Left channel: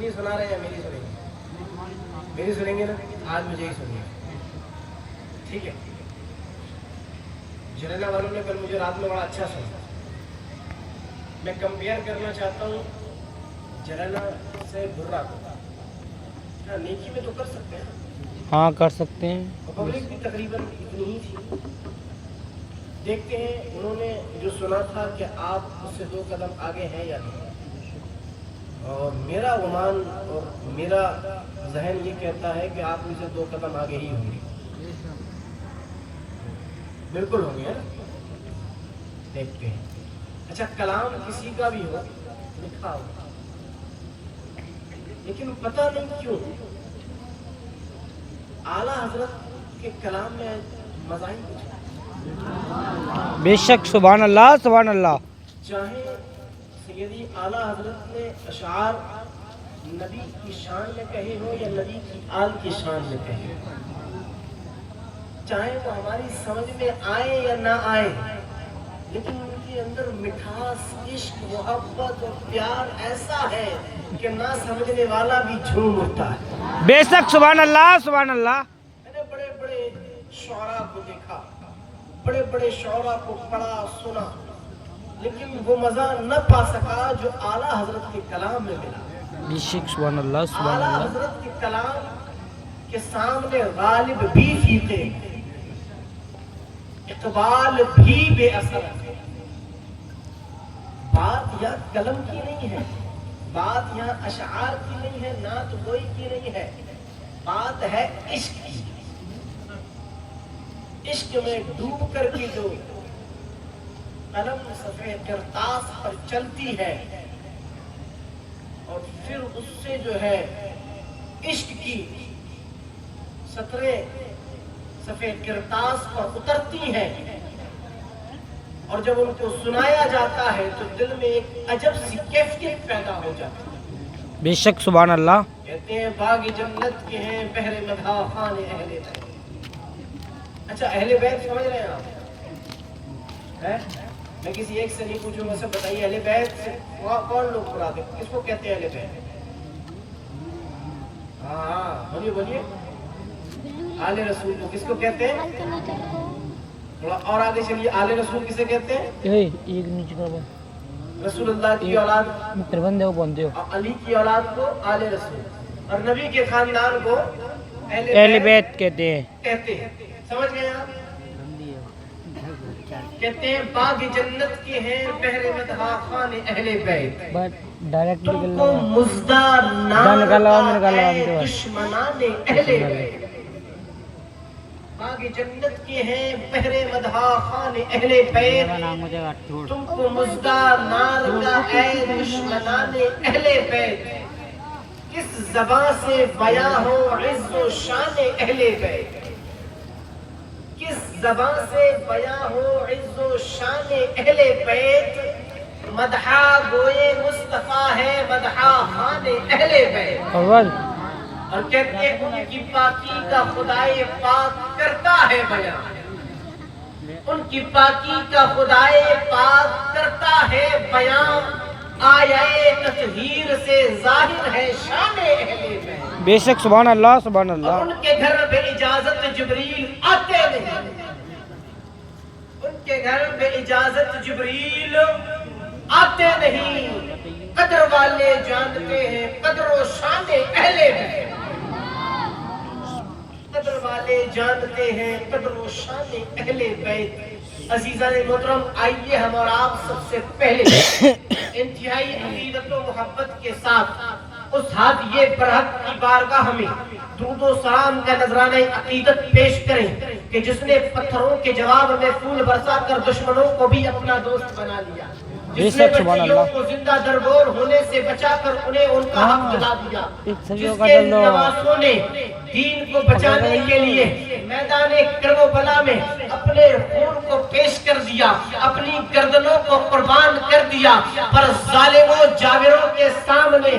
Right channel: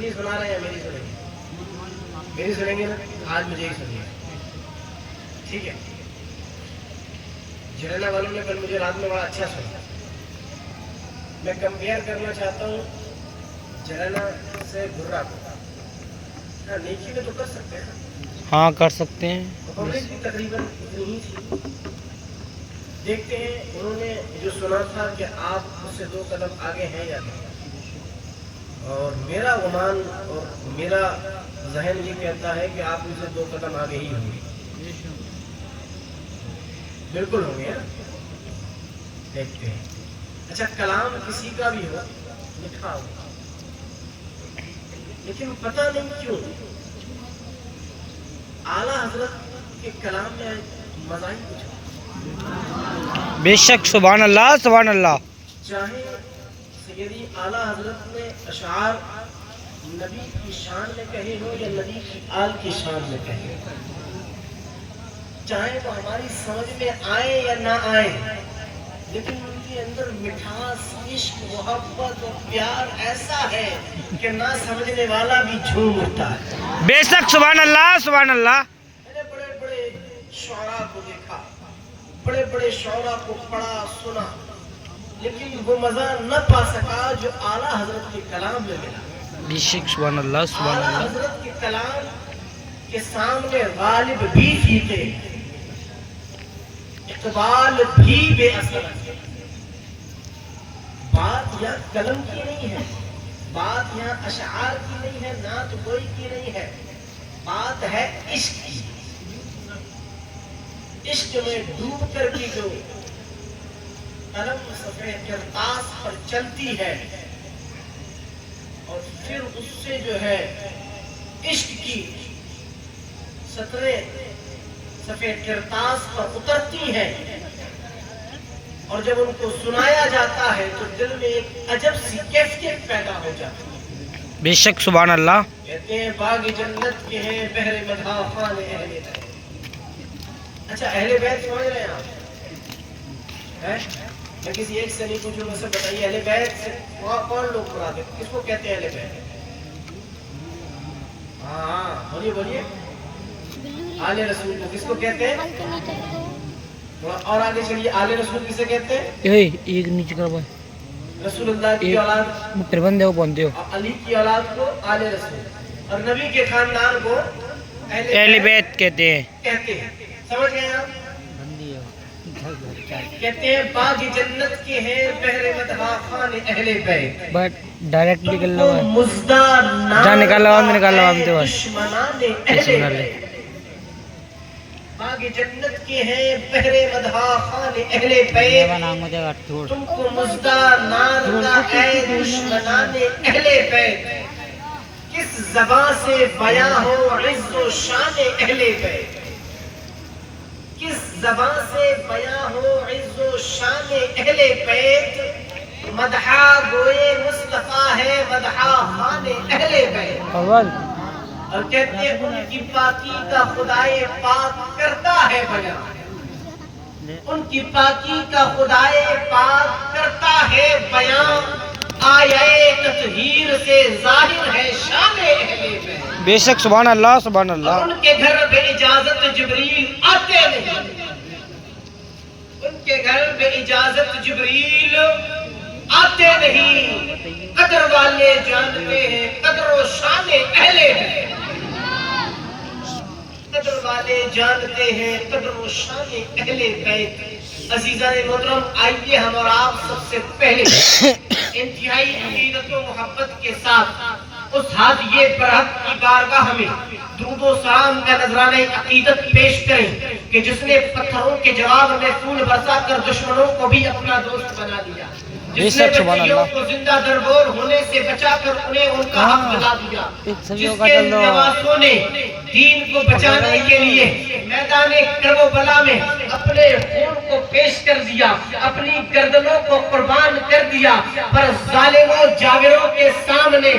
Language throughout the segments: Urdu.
اپنی سنا رہے ہیں یا میری سنیں گے؟ میری سنیں گے نا؟ آج مجھے ہی سنیے، ٹھیک ہے؟ جھیلنا والوں نے کل مجھے رات میں بڑا اچھا سنا. میں کمپیئر کرنا چاہتا ہوں جھیلنا سے گھرا کو. ہاں نیکی میں تو کر سکتے ہیں، ہاں کر سکتے ہیں. پبلک بھی تقریباً اتنی ہی تھی. دیکھتے ہیں انہوں نے جو سنا تھا کہ آپ اس سے 2 قدم آگے ہیں یا نہیں. اور میرا گمان اور میرا ذہن یہ کہتا ہے کہ آپ ان سے 2 قدم آگے ہی ہوں گے. بالکل ہوں گے. دیکھتے ہیں. اچھا کلام کسی کا بھی ہو لکھا ہو، لیکن پتہ نہیں کیوں اعلیٰ حضرت کے کلام میں مزہ ہی کچھ. بے شک سبحان اللہ سبحان اللہ. چاہے سیدی اعلیٰ حضرت نے اشعار نبی کی شان میں کہے ہو یا نبی کی آل کی شان میں کہے ہو، چاہے وہ ہماری سمجھ میں آئے یا نہ آئے، لیکن ان کے اندر مٹھاس، عشق، محبت اور پیار ایسا ہے کہ نہ سمجھنے والا بھی جھوم اٹھتا ہے. بے شک سبحان اللہ سبحان اللہ. میں نے بڑے بڑے شعراء کو دیکھا، بڑے بڑے شعراء کو پڑھا سنا، لیکن وہ مزہ نہ پا سکا جو اعلیٰ حضرت کے کلام میں ملا. بے شک سبحان اللہ سبحان اعلیٰ اللہ. حضرت کے کلام کے سامنے غالب بھی پھیکے، اقبال بھی بے اثر. بات یہاں قلم کی نہیں ہے، بات یہاں اشعار کی نہیں ہے، نعت گوئی کی نہیں ہے، بات ہے عشق کی. عشق میں ڈوب کر کی جو قلم صفحہ کرتاس پر چلتی ہے اور پھر اس سے جو ہے عشق کی سطریں صفحہ کرتاس پر اترتی ہیں، اور جب ان کو سنایا جاتا ہے تو دل میں ایک عجب سی کیفیت پیدا ہو جاتی ہے. بے شک سبحان اللہ. کہتے ہیں باغ جنت کے ہیں بحر مدحا خان اہل بیت. اچھا اہل بیت سمجھ رہے ہیں آپ؟ میں کسی ایک سے نہیں پوچھوں گا، سب بتائیے اہل بیت سے کون لوگ پڑھاتے ہیں؟ کس کو کہتے ہیں اہل بیت؟ ہاں بولیے بولیے. آل رسول کو کس کو کہتے ہیں؟ تھوڑا اور آگے چلیے. آل رسول کسے کہتے ہیں؟ ایک نیچے کرو رسول اللہ کی اولاد پربندے کو بنتے ہو. علی کی اولاد کو آل رسول، اور نبی کے خاندان کو اہل بیت کہتے ہیں. کہتے ہیں. سمجھ گئے آپ؟ کہتے ہیں باغ جنت کے ہیں بحر مدحا خان اہل بیت. بٹ ڈائریکٹ تم نکل کو لو. مزدار جا نکال لو ہم نکال لو ہم تو دشمنان اہل بیت. باغ جنت کے ہیں بحر مدحا خان اہل بیت. تم کو مزدار نار کا اے دشمنان اہل بیت. کس زبان سے بیاں ہو عز و شان اہل بیت. کس زبان سے بیاں ہو عز و شان اہل بیت. مدحا گوئے مصطفیٰ ہے مدحا خان اہل بیت. اور کہتے ہیں ان کی پاکی کا خدائے پاک کرتا ہے بیان. ان کی پاکی کا خدائے پاک کرتا ہے بیان. آیے تطہیر سے ظاہر ہے شان اہل بیت. بے شک سبحان اللہ سبحان اللہ. ان کے گھر بے اجازت جبریل آتے نہیں. ان کے گھر بے اجازت جبریل آتے نہیں. قدر والے جانتے ہیں قدر و شان اہل بیت. قدر والے جانتے ہیں قدر و شان اہل بیت. عزیزان محترم آئیے ہم اور آپ سب سے پہلے انتہائی عقیدت و محبت کے ساتھ اس ہادیے برحق کی بارگاہ میں درود و سلام کا نذرانہ عقیدت پیش کریں کہ جس نے پتھروں کے جواب میں پھول برسا کر دشمنوں کو بھی اپنا دوست بنا دیا. جس نے بچیوں کو زندہ دربور ہونے سے بچا کر انہیں ان کا حق دلا دیا. جس کے نواسوں نے دین کو بچانے کے لیے میدان کربلا میں اپنے خون کو پیش کر دیا، اپنی گردنوں کو قربان کر دیا، پر ظالموں جاوروں کے سامنے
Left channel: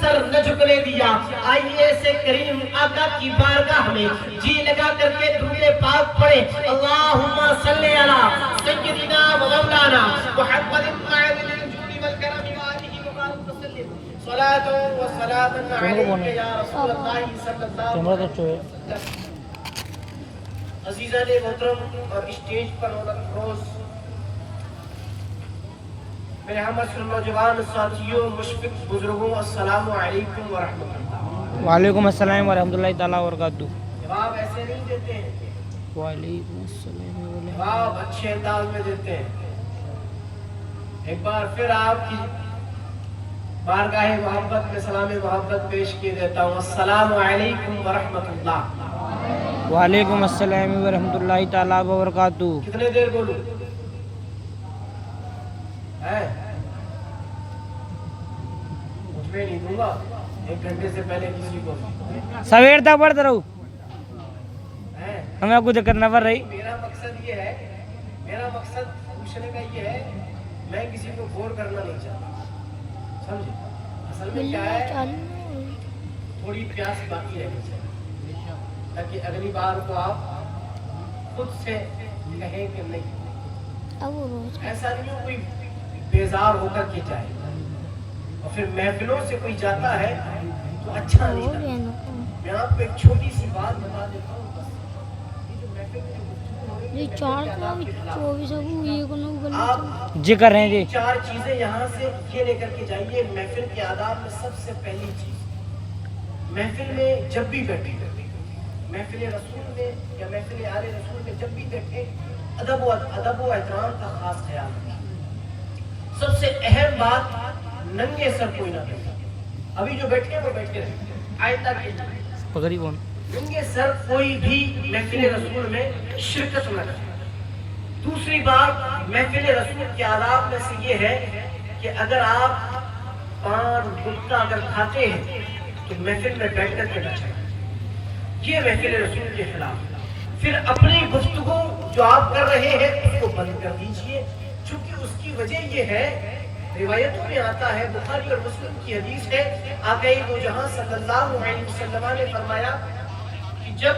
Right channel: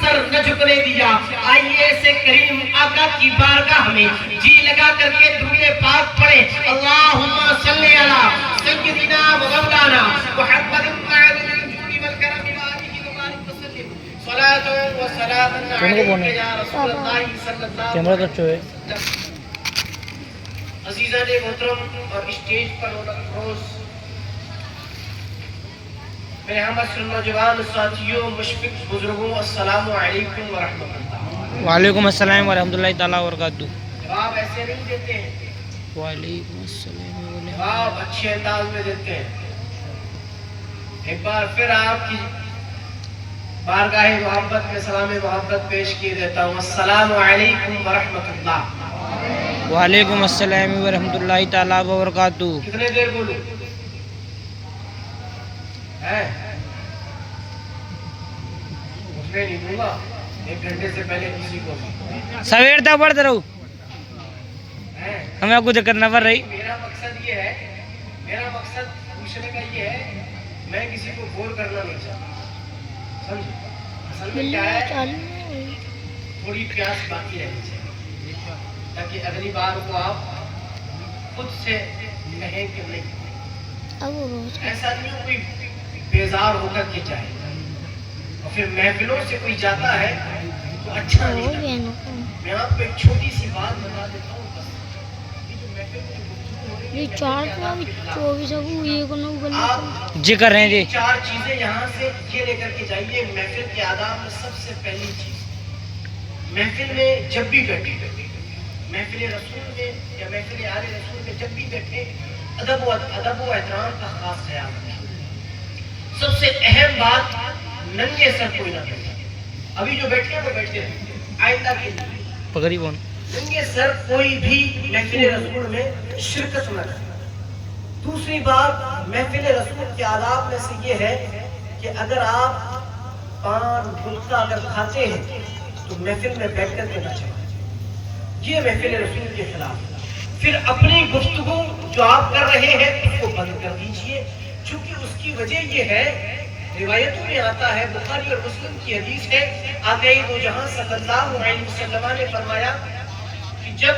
سر نہ جھکنے دیا. آئیے ایسے کریم آقا کی بارگاہ میں جی لگا کر کے درود پاک پڑھیں. اللہم صلی علی سیدنا و مولانا محمد صلاۃ و سلام علیک یا رسول اللہ صلی اللہ کیمرہ تو چوئے علیہ وسلم۔ عزیزان محترم اور اسٹیج پر روز میرے ہم اصل نوجوان ساتھیوں، مشفق بزرگوں، السلام علیکم ورحمۃ اللہ۔ وعلیکم السلام ورحمۃ اللہ تعالیٰ وبرکاتہ۔ جواب ایسے نہیں دیتے ہیں، وعلیکم السلام جواب اچھے انداز میں دیتے ہیں۔ ایک بار پھر آپ کی بارگاہ محبت میں سلام محبت پیش کیے دیتا ہوں، السلام علیکم ورحمۃ اللہ۔ وعلیکم السلام ورحمۃ اللہ تعالیٰ وبرکاتہ۔ کتنے دیر بولوں ہے؟ اٹھنے نہیں دوں گا 1 گھنٹے سے پہلے کسی کو سویر تک پڑھتے رہو، ہے۔ ہمیں کچھ کرنا پڑ رہی۔ میرا مقصد یہ ہے، میرا مقصد پوچھنے کا یہ ہے، میں کسی کو بور کرنا نہیں چاہتا، سمجھے؟ اصل میں کیا ہے، تھوڑی پیاس باقی رہنی چاہیے تاکہ اگلی بار کو آپ خود سے کہیں کہ نہیں۔ ایسا نہیں ہو کوئی بیزار ہو کر کے جائے اور پھر محفلوں سے کوئی جاتا ہے تو اچھا نہیں لگتا۔ میں آپ کو ایک چھوٹی سی بات بتا دیتا ہوں، بس یہ جو محفل میں گفتگو ہو رہی ہے، آپ جی کر رہے ہیں جی۔ 4 چیزیں یہاں سے یہ لے کر کے جائیے۔ محفل کے آداب میں سب سے پہلی چیز، محفل میں جب بھی بیٹھے، محفل رسول میں یا محفل آل رسول میں جب بھی بیٹھے، ادب و احترام کا خاص خیال رکھیں۔ سب سے اہم بات، ننگے سر کوئی نہ بیٹھے۔ ابھی جو بیٹھے ہیں وہ بیٹھے ہیں، آئندہ کے لیے پکڑی بون ننگے سر کوئی بھی محفل رسول میں شرکت نہ کرے۔ دوسری بات، محفل رسول کے آداب میں سے یہ ہے کہ اگر آپ پان گٹکا اگر کھاتے ہیں تو محفل میں بیٹھ کر کے نہ چلیں، یہ محفل رسول کے خلاف۔ پھر اپنی گفتگو جو آپ کر رہے ہیں اس کو بند کر دیجئے، چونکہ اس کی وجہ یہ ہے، روایتوں میں آتا ہے، بخاری اور مسلم کی حدیث ہے، آقا دو جہاں صلی اللہ علیہ وسلم نے فرمایا کہ جب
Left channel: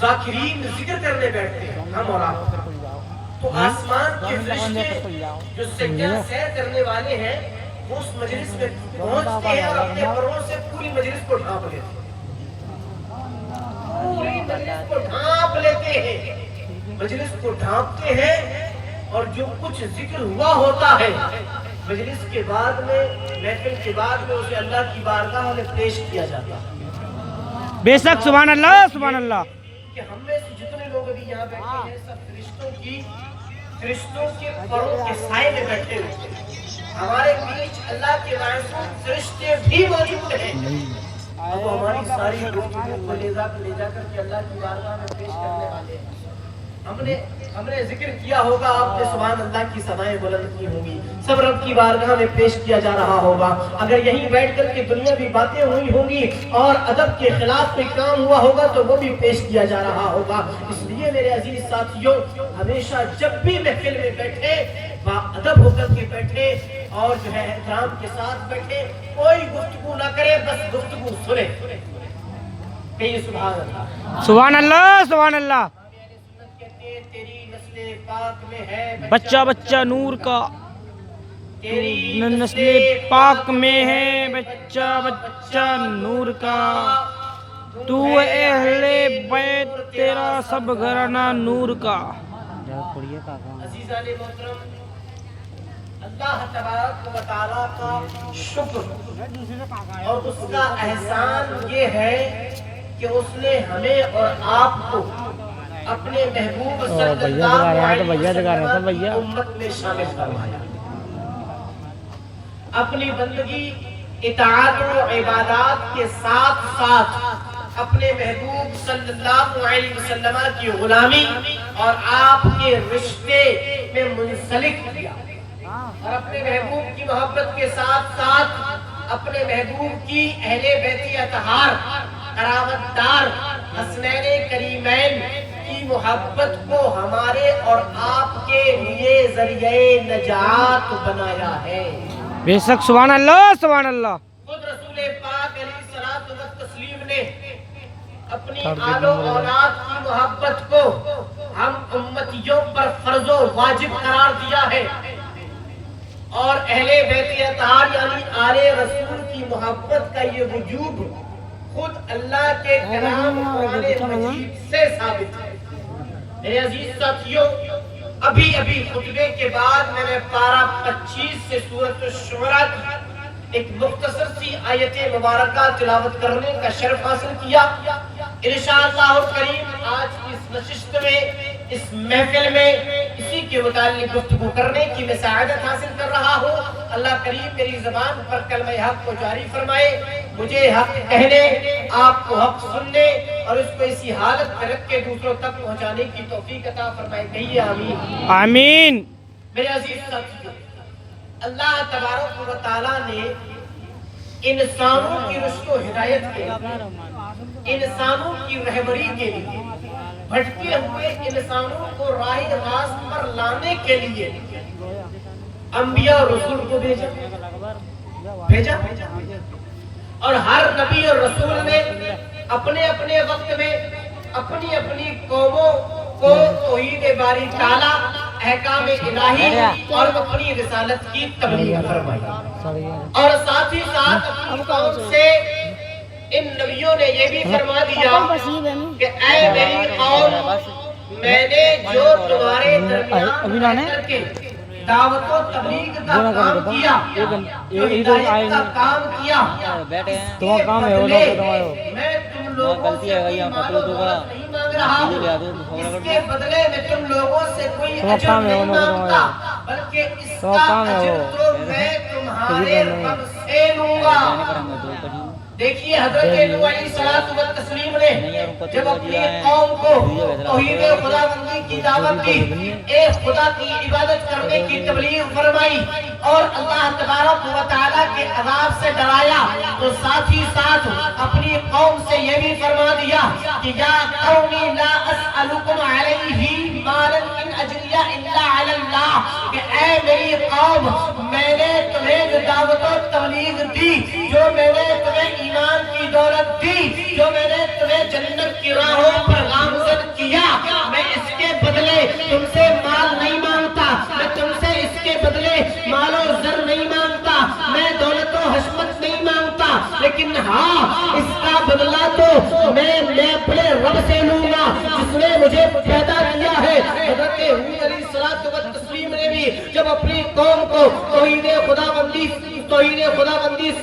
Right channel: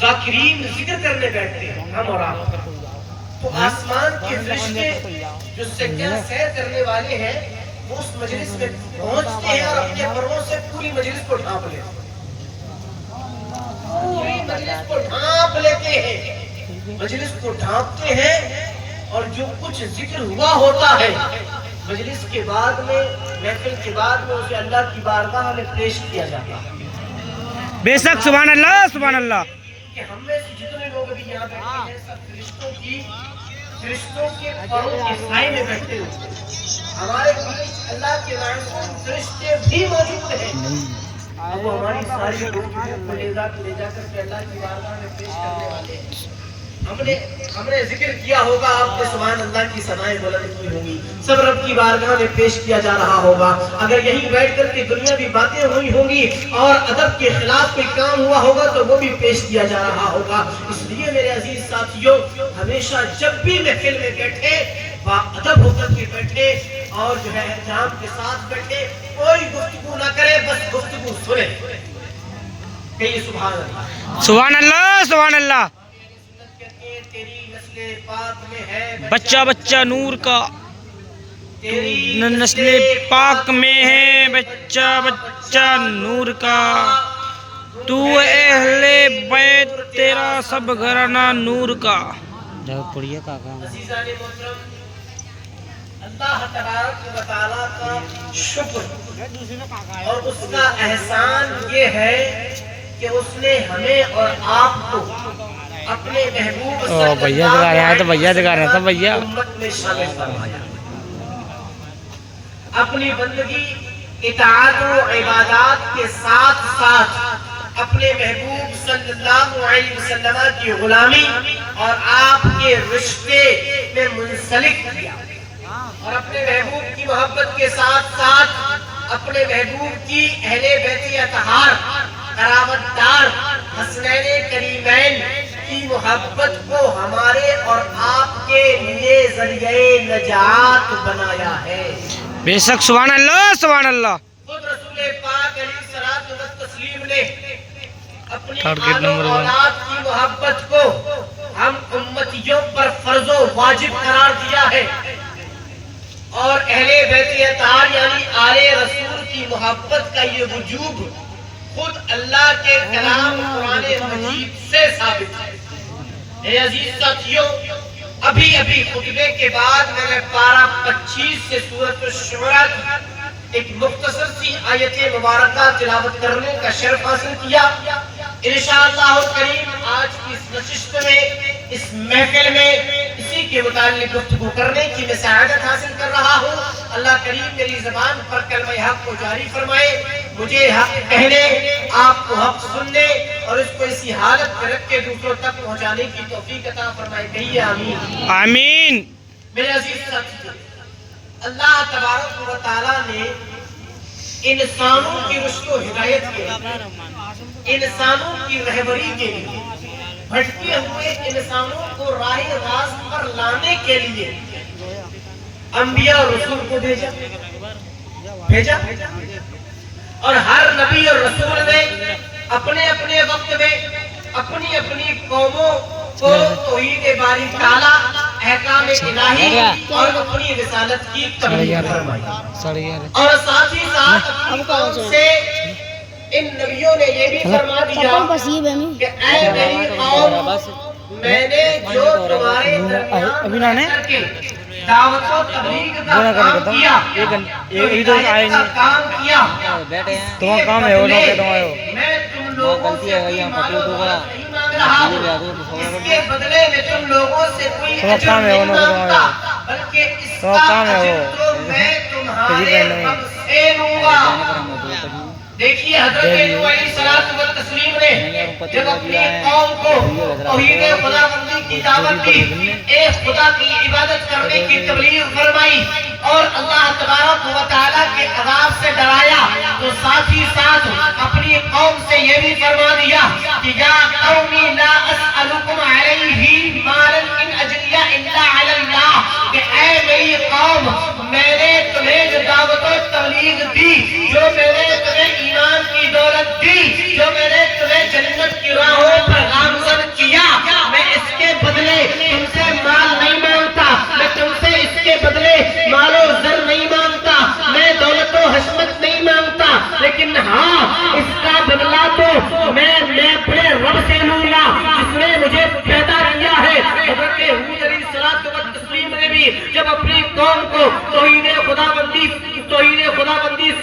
ذاکرین ذکر کرنے بیٹھتے ہیں ہم اور آپ، تو آسمان کے فرشتے جو سجدہ سیر کرنے والے ہیں وہ اس مجلس میں پہنچتے ہیں اور اپنے پروں سے پوری مجلس کو ڈھانپ لیتے ہیں، پوری مجلس کو ڈھانپ لیتے ہیں، مجلس کو ڈھانپتے ہیں، اور جو کچھ ذکر ہوا ہوتا ہے مجلس کے بعد میں، محفل کے بعد میں، اسے اللہ کی بارگاہ میں پیش کیا جاتا ہے۔ بے شک، سبحان اللہ سبحان اللہ۔ کہ ہم میں سے جتنے لوگ ابھی یہاں بیٹھے ہیں سب فرشتوں کے پروں کے سائے میں بیٹھے ہیں۔ ہمارے بیچ اللہ کے معصوم فرشتے بھی موجود ہیں، اب وہ ہماری ساری گفتگو کو لے جا کر کے اللہ کی بارگاہ میں پیش کرنے والے ہیں۔ ہم نے ذکر کیا ہوگا، آپ نے سبحان اللہ کی ثنائیں بلند کی ہوگی، سب رب کی بارگاہ میں پیش کیا جا رہا ہوگا۔ اگر یہیں بیٹھ کر کے دنیاوی باتیں ہوئی ہوں گی اور ادب کے خلاف کوئی کام ہوا ہوگا تو وہ بھی پیش کیا جا رہا ہوگا۔ اس لیے میرے عزیز ساتھیوں، ہمیشہ جب بھی محفل میں بیٹھے با ادب ہو کر کے بیٹھے اور جو ہے احترام کے ساتھ بیٹھے، کوئی گفتگو نہ کرے، بس گفتگو سنے۔ کہیے سبحان اللہ، سبحان اللہ سبحان اللہ۔ تیری نسل پاک میں ہے بچہ بچہ نور کا، تو نسل پاک میں ہے بچہ بچہ نور کا، تو اہل بیت تیرا سب گھرانہ نور کا۔ عزیزان محترم، اللہ تبارک و تعالیٰ کا شکر اور اس کا احسان یہ ہے کہ اس نے ہمیں اور آپ کو اپنے محبوب بھیا دکھا رہے ہیں تو بھیا دکھا رہے ہیں تو بھیا امت میں شامل فرمایا۔ اپنی بندگی، اطاعت و عبادات کے ساتھ ساتھ اپنے محبوب صلی اللہ علیہ وسلم کی غلامی اور آپ کے رشتے میں منسلک کیا، اور اپنے محبوب کی محبت کے ساتھ ساتھ اپنے محبوب کی اہل بیت اطہار، قرابت دار، حسنین کریمین کی محبت کو ہمارے اور آپ کے لیے ذریعہ نجات بنایا ہے۔ بے شک، سبحان اللہ سبحان اللہ۔ خود رسول پاک علیہ الصلوۃ والتسلیم نے اپنی آل و اولاد کی محبت کو ہم امتیوں پر فرض و واجب قرار دیا ہے۔ اور اہل بیت اطہار یعنی آل رسول کی محبت کا یہ وجوب خود اللہ کے کلام قرآن مجید سے ثابت ہے۔ اے عزیز ساتھیوں، ابھی خطبے کے بعد میں نے پارہ 25 سے سورۃ الشعراء کی ایک مختصر سی آیت مبارکہ تلاوت کرنے کا شرف حاصل کیا۔ انشاءاللہ کریم آج کی اس نشست میں، اس محفل میں اسی کے متعلق گفتگو کرنے کی میں سعادت حاصل کر رہا ہوں۔ اللہ کریم میری زبان پر کلمہ حق کو جاری فرمائے، مجھے حق کہنے، آپ کو حق سننے اور اس کو اسی حالت میں رکھ کے دوسروں تک پہنچانے کی توفیق عطا فرمائے، کہیے آمین۔ آمین۔ میرے عزیز ساتھیوں، اللہ تبارک و تعالیٰ نے انسانوں کی رشد و ہدایت کے لیے، انسانوں کی رہبری کے لیے، بھٹکے ہوئے انسانوں کو راہ راست پر لانے کے لیے انبیاء اور رسول کو بھیجا اور ہر نبی اور رسول نے اپنے اپنے وقت میں اپنی اپنی قوموں کو توحید باری تعالیٰ، احکام الہی اور اپنی رسالت کی تبلیغ فرمائی، اور ساتھ ہی ساتھ اپنی قوم سے ان نبیوں نے یہ بھی فرما دیا کہ اے میری قوم، میں نے جو تمہارے درمیان دعوت و تبلیغ کا کام کیا، تمہارا کام ہے وہ لوگ تم آئے ہو، میں تم لوگوں سے کوئی مال و دولت نہیں مانگ رہا ہوں، اس کے بدلے میں تم لوگوں سے کوئی اجر نہیں مانگتا، بلکہ اس کا اجر تو میں تمہارے رب سے لوں گا۔ دیکھیے حضرت نوح علیہ الصلوۃ والتسلیم نے جب اپنی قوم کو توحید خداوندی کی دعوت دی، ایک خدا کی عبادت کرنے کی تبلیغ فرمائی اور اللہ تبارک و تعالیٰ کے عذاب سے ڈرایا، تو ساتھ ہی ساتھ اپنی قوم سے یہ بھی فرما دیا کہ یا قومی لا اسألکم علیہ مالا ان اجریہ الا علی اللہ، کہ اے میری قوم، میں نے تمہیں جو دعوت و تبلیغ دی، جو میں نے تمہیں ایمان کی دولت دی، جو میں نے تمہیں جنت کی راہوں پر گامزن کیا، میں اس کے بدلے تم سے مال نہیں مانگتا، میں تم سے اس کے بدلے مال و زر نہیں مانگتا، میں دولت و حشمت نہیں مانگتا، لیکن ہاں اس کا بدلہ تو میں اپنے رب سے لوں گا جس نے مجھے پیدا کیا ہے۔ حضرت ہود علیہ الصلوۃ والتسلیم نے بھی جب اپنی قوم کو توحید خداوندی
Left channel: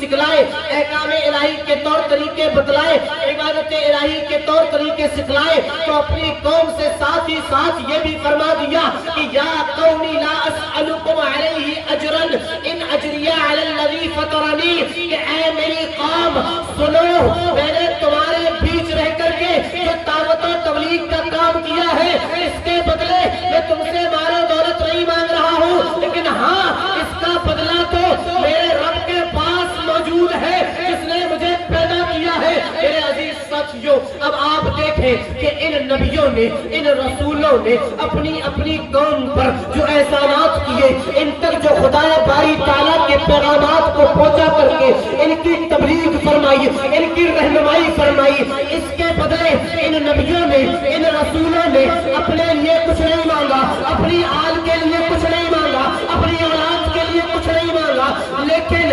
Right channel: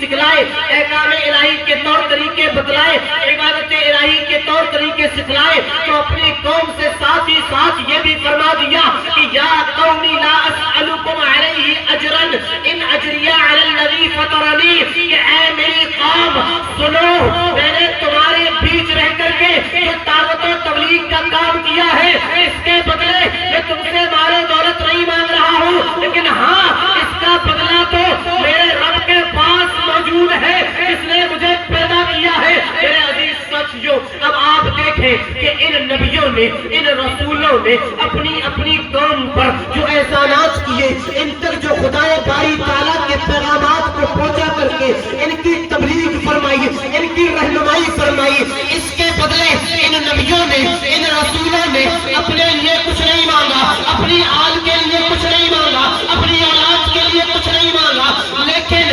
سکھلائے، احکام الہی کے طور طریقے بتلائے، عبادت الہی کے طور طریقے سکھلائے، تو اپنی قوم سے ساتھ ہی ساتھ یہ بھی فرما دیا کہ یا قومی لا اسألکم علیہ اجرا ان اجریہ علی الذی فطرنی، کہ اے میری قوم سنو، میں نے تمہارے بیچ رہ کر کے جو دعوت و تبلیغ کا کام کیا ہے، اس کے بدلے میں تم سے مال و دولت نہیں مانگ رہا ہوں، لیکن ہاں اس کا بدلہ تو میرے رب کے پاس موجود ہے جس نے مجھے پیدا کیا ہے۔ میرے عزیز ساتھیوں، اب آپ دیکھیں کہ ان نبیوں نے، ان رسولوں نے اپنی اپنی قوم پر جو احسانات کیے، ان تک جو خدا باری تعالیٰ کے پیغامات کو پہنچا کر کے ان کی تبلیغ فرمائی، ان کی رہنمائی فرمائی، اس کے بدلے ان نبیوں نے، ان رسولوں نے اپنے لیے کچھ نہیں مانگا، اپنی آل کے لیے کچھ نہیں مانگا، اپنی اولاد کے لیے کچھ نہیں مانگا، لیکن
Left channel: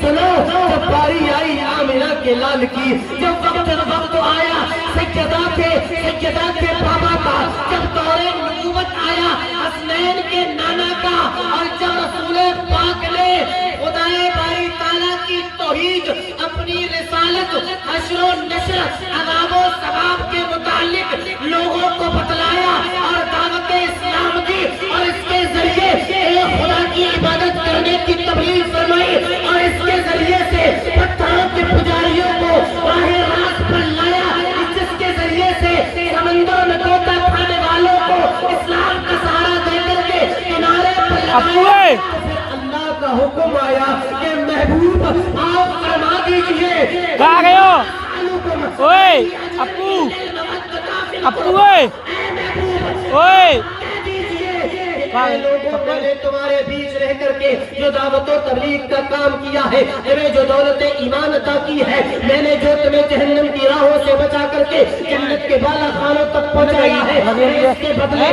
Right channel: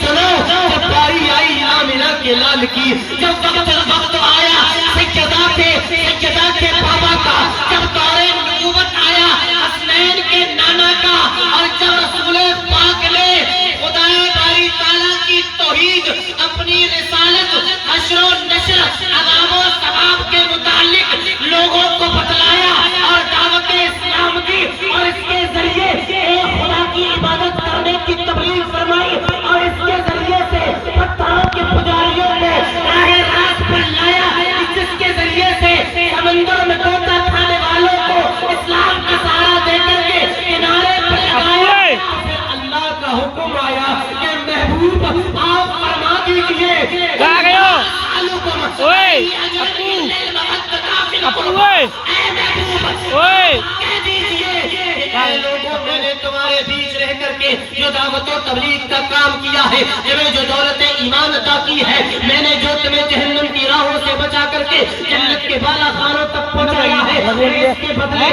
سنو، جب باری آئی آمنہ کے لال کی، جب وقت آیا سجدہ کے بابا کا، جب دور نبوت آیا حسنین کے نانا کا، اور جب رسول پاک نے خدائے باری تعالیٰ کی توحید، اپنی رسالت، حشر و نشر، عذاب و ثواب کے متعلق لوگوں کو بتلایا اور دعوت اسلام کی، اور اس کے ذریعے ایک خدا کی عبادت کرنے کی تبلیغ فرمائی، اور اس کے ذریعے سے پتھروں کے پجاریوں کو راہ راست پر لایا، جس کے ذریعے سے سمندر میں طوطا کھانے والوں کو اسلام کا سہارا دے کر کے کنارے پر لگایا۔ اللہ کا حکم آیا کہ محبوب آپ فرما دیجئے، کہاں گئے ہو؟ اوئے اپو اوئے میں نے تمہارے بیچ رہ کر کے جو دعوت و تبلیغ کا کام کیا ہے، میں جو دولت ایمان عطا کی ہے، میں نے جو تمہیں جہنم کی راہوں سے بچا کر کے جنت کے بالا خانوں تک پہنچایا ہے، اس کے بدلے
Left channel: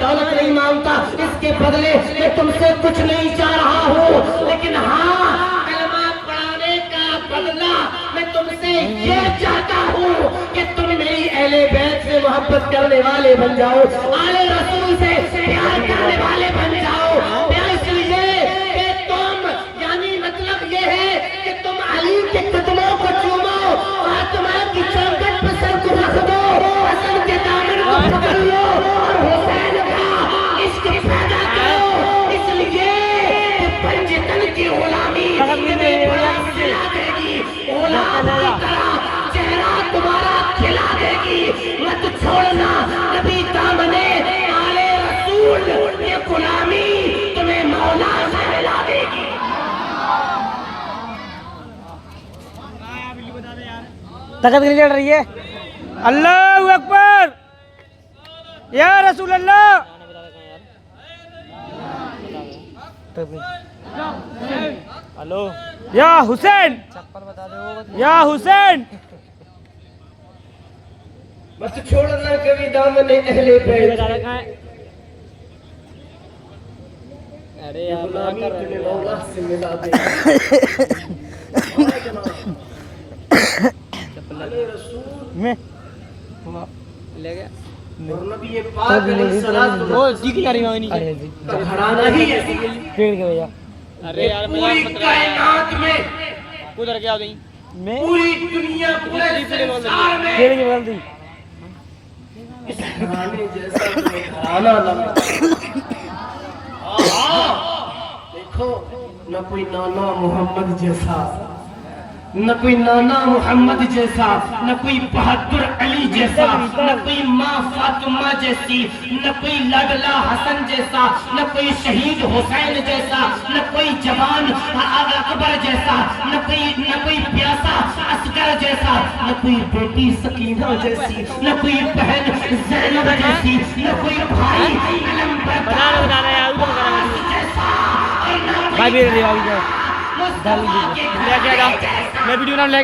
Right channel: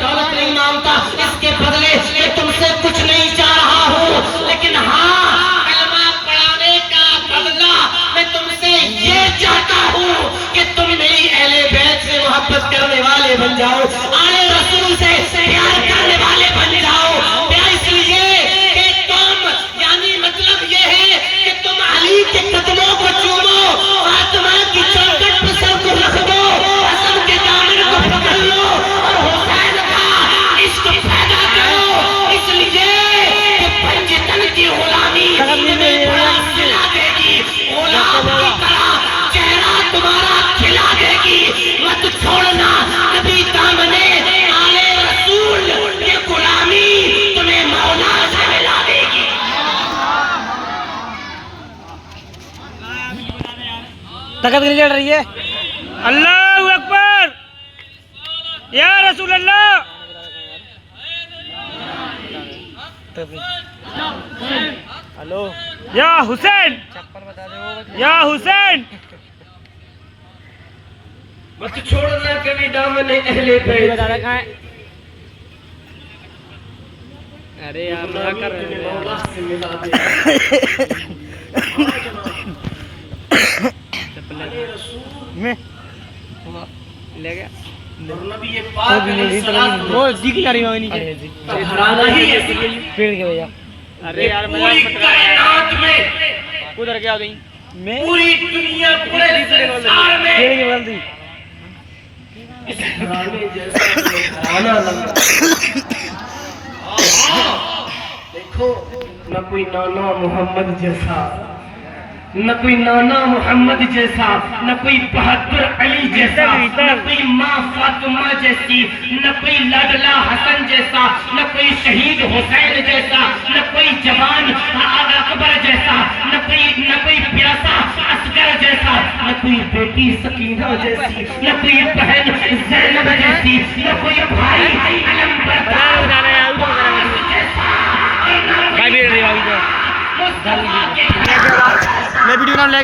دولت نہیں مانگتا، اس کے بدلے میں تم سے کچھ نہیں چاہ رہا ہوں، لیکن ہاں کلمہ پڑھانے کا بدلہ میں تم سے یہ چاہتا ہوں کہ تم میری اہل بیت سے محبت کرنے والے بن جاؤ، آل رسول سے پیار کرنے والے بن جاؤ۔ اس لیے کہ تم، یعنی مطلب یہ ہے کہ تم علی کے قدموں کو چومو، فاطمہ کی چوکٹ پہ سر کو رکھ دو، حسن کے دامن کو پکڑ لو اور حسین کا عشق پیدا کرو، اس لیے کہ پنجتن کی غلامی تمہیں بڑا سلا دے گی، غلام کی طرح چہرہ تمہارا کھلا دے گی۔ مت چھوڑنا نبی دامنے آل رسول کی غلامی تمہیں مولا سے ملا دے گی۔ طاقت نہیں چڑھ رہی ہے۔ اللہ اکبر، یا رسول اللہ۔ ہلو یا حسین، یا حسین۔ مت چھوڑنا کبھی دامن اہل بیت، ارے تمہیں مولا سے ملا دے گی۔ میں لے گیا اور نبی پاک علیہ الصلوۃ کا گھرانہ ہی ایسی ہے، پیڑ کے بھیا۔ ارے یار پوری کائنات میں، ادھر کیا گئی میں پوری دنیا، پورے سنسار میں پیڑ کے بغل دی۔ اس گھرانے جیسا کوئی گھرانہ نہ دیکھو، نہ کوئی نانا محمد جیسا، نہ کوئی نانا محمد جیسا، نہ کوئی بہادر علی جیسا، نہ کوئی ماں فاطمہ جیسی، نہ کوئی لاڈلا حسن جیسا، نہ کوئی شہید حسین جیسا، نہ کوئی جوان اکبر جیسا، نہ کوئی پیاسا اصغر جیسا، نہ کوئی بیٹی سکینہ جیسی، نہ کوئی بہن زینب جیسی، نہ کوئی بھائی علمبردار جیسا، اور نہ کوئی میں ویڈیو نام لے گا۔